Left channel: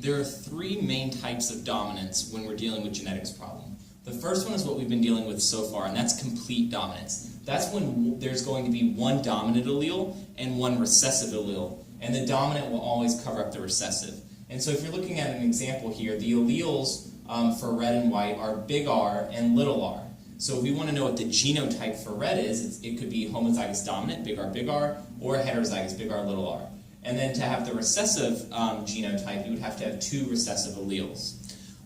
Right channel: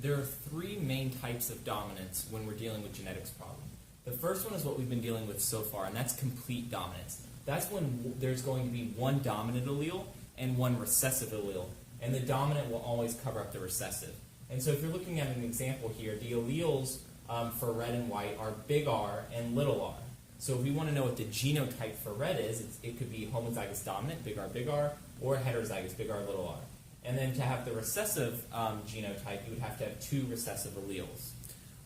There are three main types of dominance when we're dealing with genetics problem. The first one is what we've been dealing with so far, and that's complete dominance. That's when there's going to be one dominant allele and one recessive allele, and the dominant will always cover up the recessive. And so if you're looking at an example here, the alleles for red and white are big R and little r. So if we want to know what the genotype for red is, it could be homozygous dominant, big R, or heterozygous, big R, little r. And then to have the recessive genotype, you would have to have two recessive alleles.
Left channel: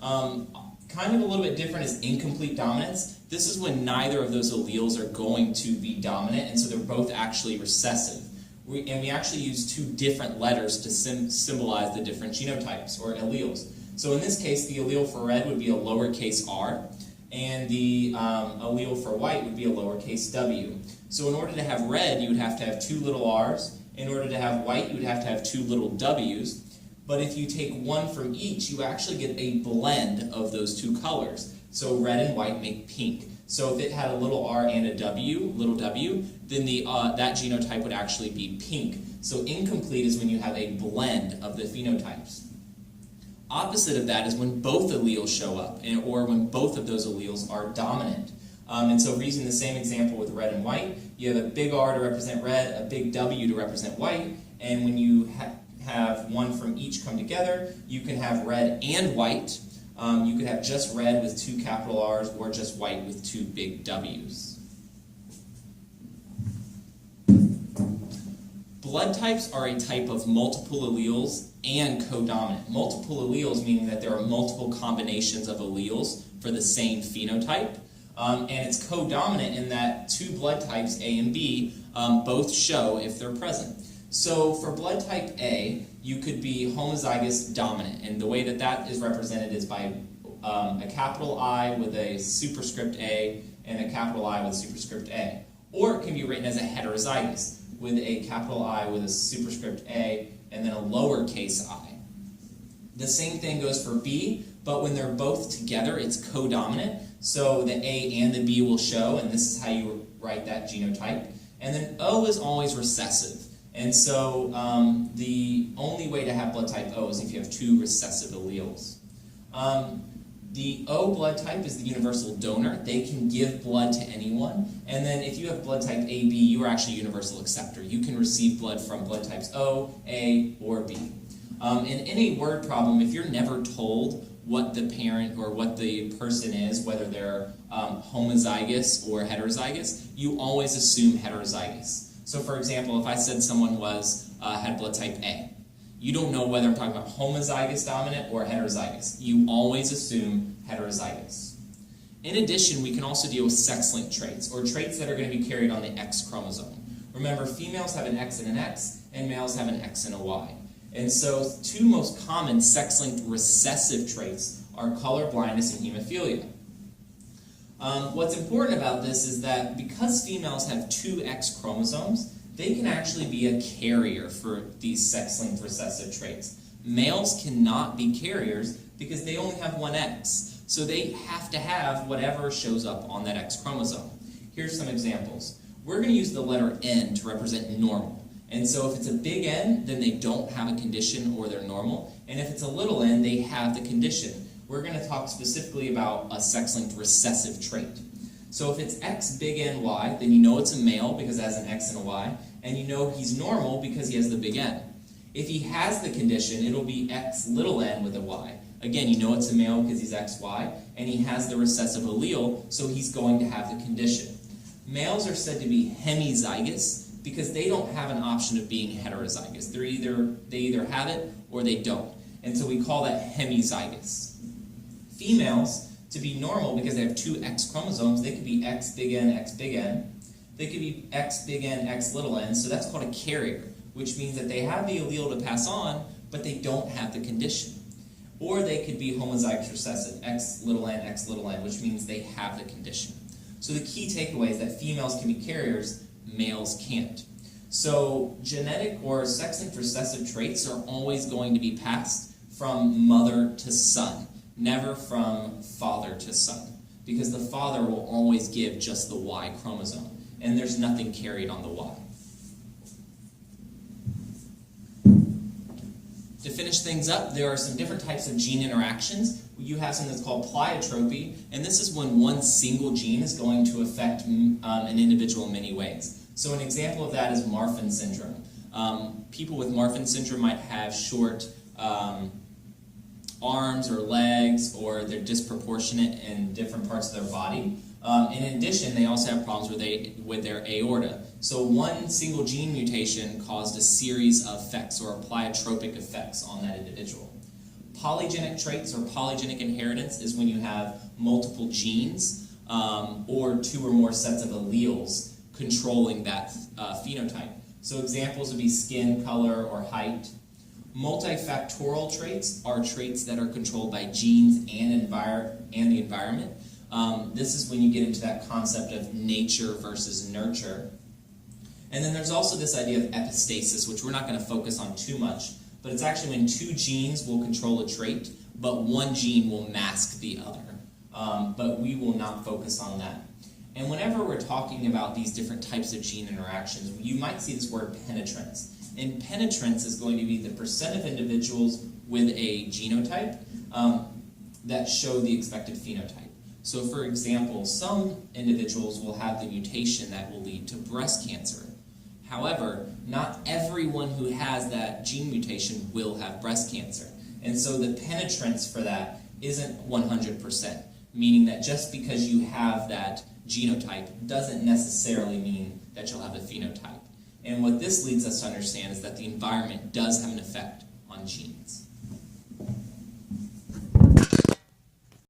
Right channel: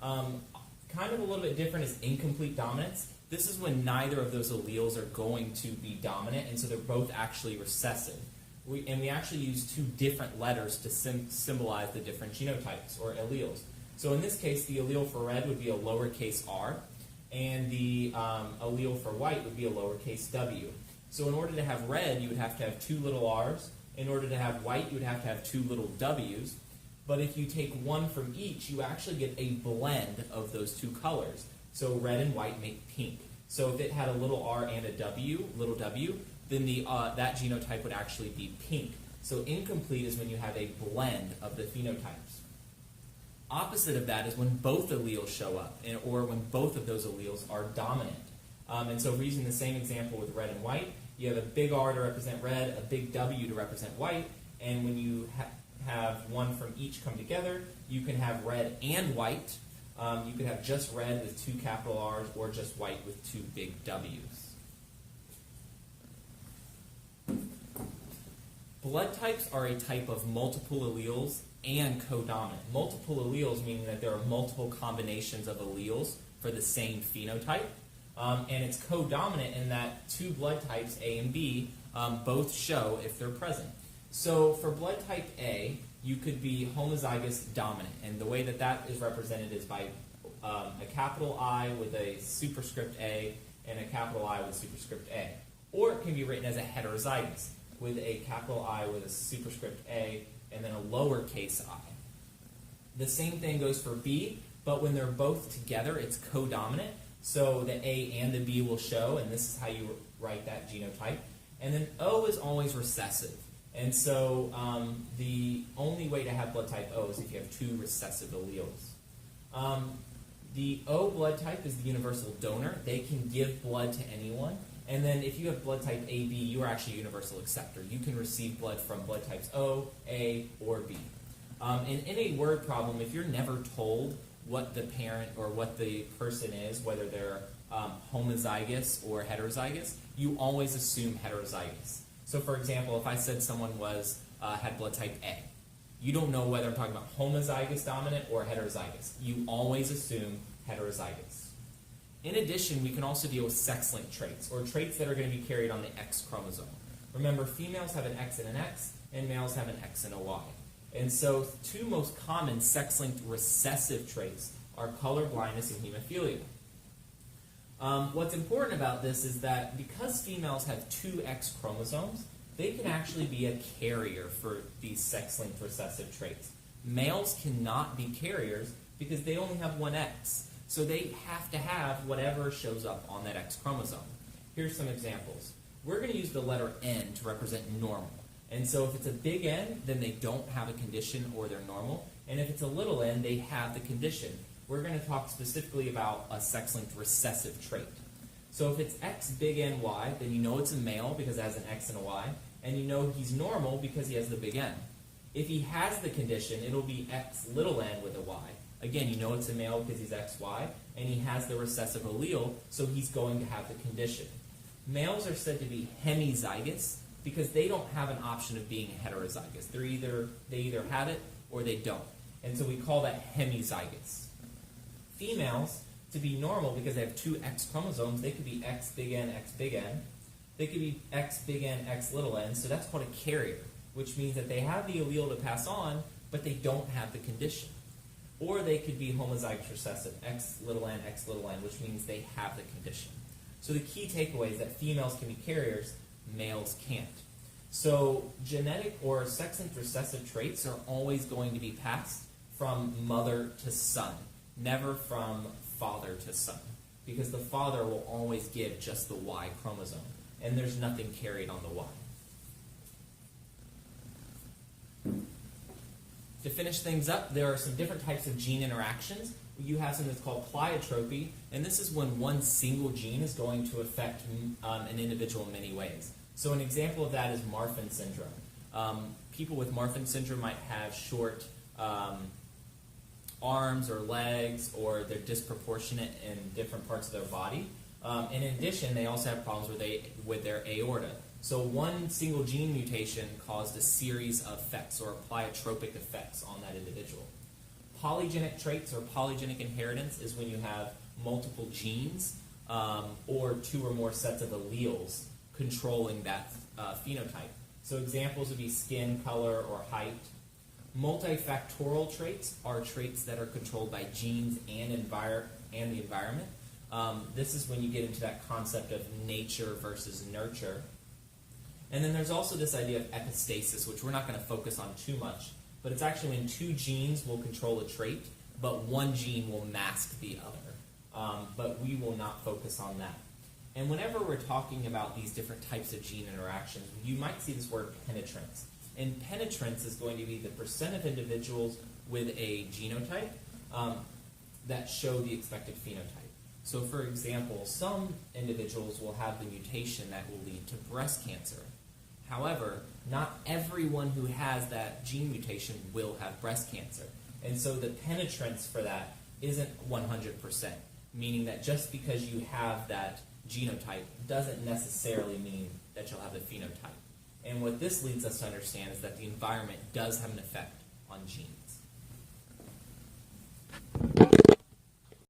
Kind of a little bit different is incomplete dominance. This is when neither of those alleles are going to be dominant, and so they're both actually recessive. We actually use two different letters to symbolize the different genotypes or alleles. So in this case, the allele for red would be a lowercase r, and the allele for white would be a lowercase w. So in order to have red, you would have to have two little r's. In order to have white, you would have to have two little w's. But if you take one from each, you actually get a blend of those two colors. So red and white make pink. So if it had a little r and a w, little w, then that genotype would actually be pink. So incomplete is when you have a blend of the phenotypes. Opposite of that is when both alleles show up, or when both of those alleles are dominant. And so using the same example with red and white, you have a big R to represent red, a big W to represent white, and when you have one from each come together, you can have red and white. You could have just red with two capital R's, or just white with two big W's. Blood types are a type of multiple alleles and codominant. Multiple alleles meaning that there are multiple combinations of alleles for the same phenotype. And it's codominant in that two blood types, A and B, both show if they're present. So for blood type A, you could be homozygous dominant, and the way that that is represented is by a capital I with a superscript A and a capital I with superscript A. Or it can be written as a heterozygous with a capital I with a superscript A and then a lowercase I. The same thing goes for B, but when they're both together, it's codominant. So the A and the B will show, and this is how you write that genotype. And then O is always recessive. And so the only way to have blood type O is if you have two recessive alleles. The O blood type is the universal donor. They can give blood to anyone. And then if you have blood type AB, you are actually a universal acceptor. You can receive blood from blood types O, A, or B. In any word problem, if you're never told what the parent or what the person is, whether they're homozygous or heterozygous, you always assume heterozygous. So for example, if I said someone had blood type A, you don't know whether I'm talking about homozygous dominant or heterozygous. You always assume heterozygous. In addition, we can also deal with sex-linked traits, or traits that are going to be carried on the X chromosome. Remember, females have an X and an X, and males have an X and a Y. And so two most common sex-linked recessive traits are color blindness and hemophilia. What's important about this is that because females have two X chromosomes, they can actually be a carrier for these sex-linked recessive traits. Males cannot be carriers because they only have one X, so they have to have whatever shows up on that X chromosome. Here's some examples. We're going to use the letter N to represent normal. And so if it's a big N, then they don't have a condition or they're normal. And if it's a little n, they have the condition. We're going to talk specifically about a sex-linked recessive trait. So if it's X big N Y, then you know it's a male because it has an X and a Y, and you know he's normal because he has the big N. If he has the condition, it'll be X little n with a Y. Again, you know it's a male because he's XY, and he has the recessive allele, so he's going to have the condition. Males are said to be hemizygous because they don't have an option of being heterozygous. They either have it or they don't. And so we call that hemizygous. Females, to be normal because they have two X chromosomes, they could be X big N, X big N. They could be X big N, X little n, so that's called a carrier, which means that they have the allele to pass on, but they don't have the condition. Or they could be homozygous recessive, X little n, which means they have the condition. So the key takeaway is that females can be carriers, males can't. So genetic or sex-linked recessive traits are always going to be passed from mother to son, never from father to son, because the father will always give just the Y chromosome, and there's nothing carried on the Y. To finish things up, there are some different types of gene interactions. You have something that's called pleiotropy, and this is when one single gene is going to affect an individual in many ways. So an example of that is Marfan syndrome. People with Marfan syndrome might have short arms or legs, or they're disproportionate in different parts of their body. In addition, they also have problems with their aorta. So one single gene mutation caused a series of effects, or pleiotropic effects, on that individual. Polygenic traits or polygenic inheritance is when you have multiple genes or two or more sets of alleles controlling that phenotype. So examples would be skin color or height. Multifactorial traits are traits that are controlled by genes and the environment. This is when you get into that concept of nature versus nurture. And then there's also this idea of epistasis, which we're not going to focus on too much, but it's actually when two genes will control a trait, but one gene will mask the other. But we will not focus on that. And whenever we're talking about these different types of gene interactions, you might see this word penetrance. And penetrance is going to be the percent of individuals with a genotype that show the expected phenotype. So for example, some individuals will have the mutation that will lead to breast cancer. However, not everyone who has that gene mutation will have breast cancer. And so the penetrance for that isn't 100%, meaning that just because you have that genotype doesn't necessarily mean that you'll have a phenotype. And what this leads us to understand is that the environment does have an effect on genes.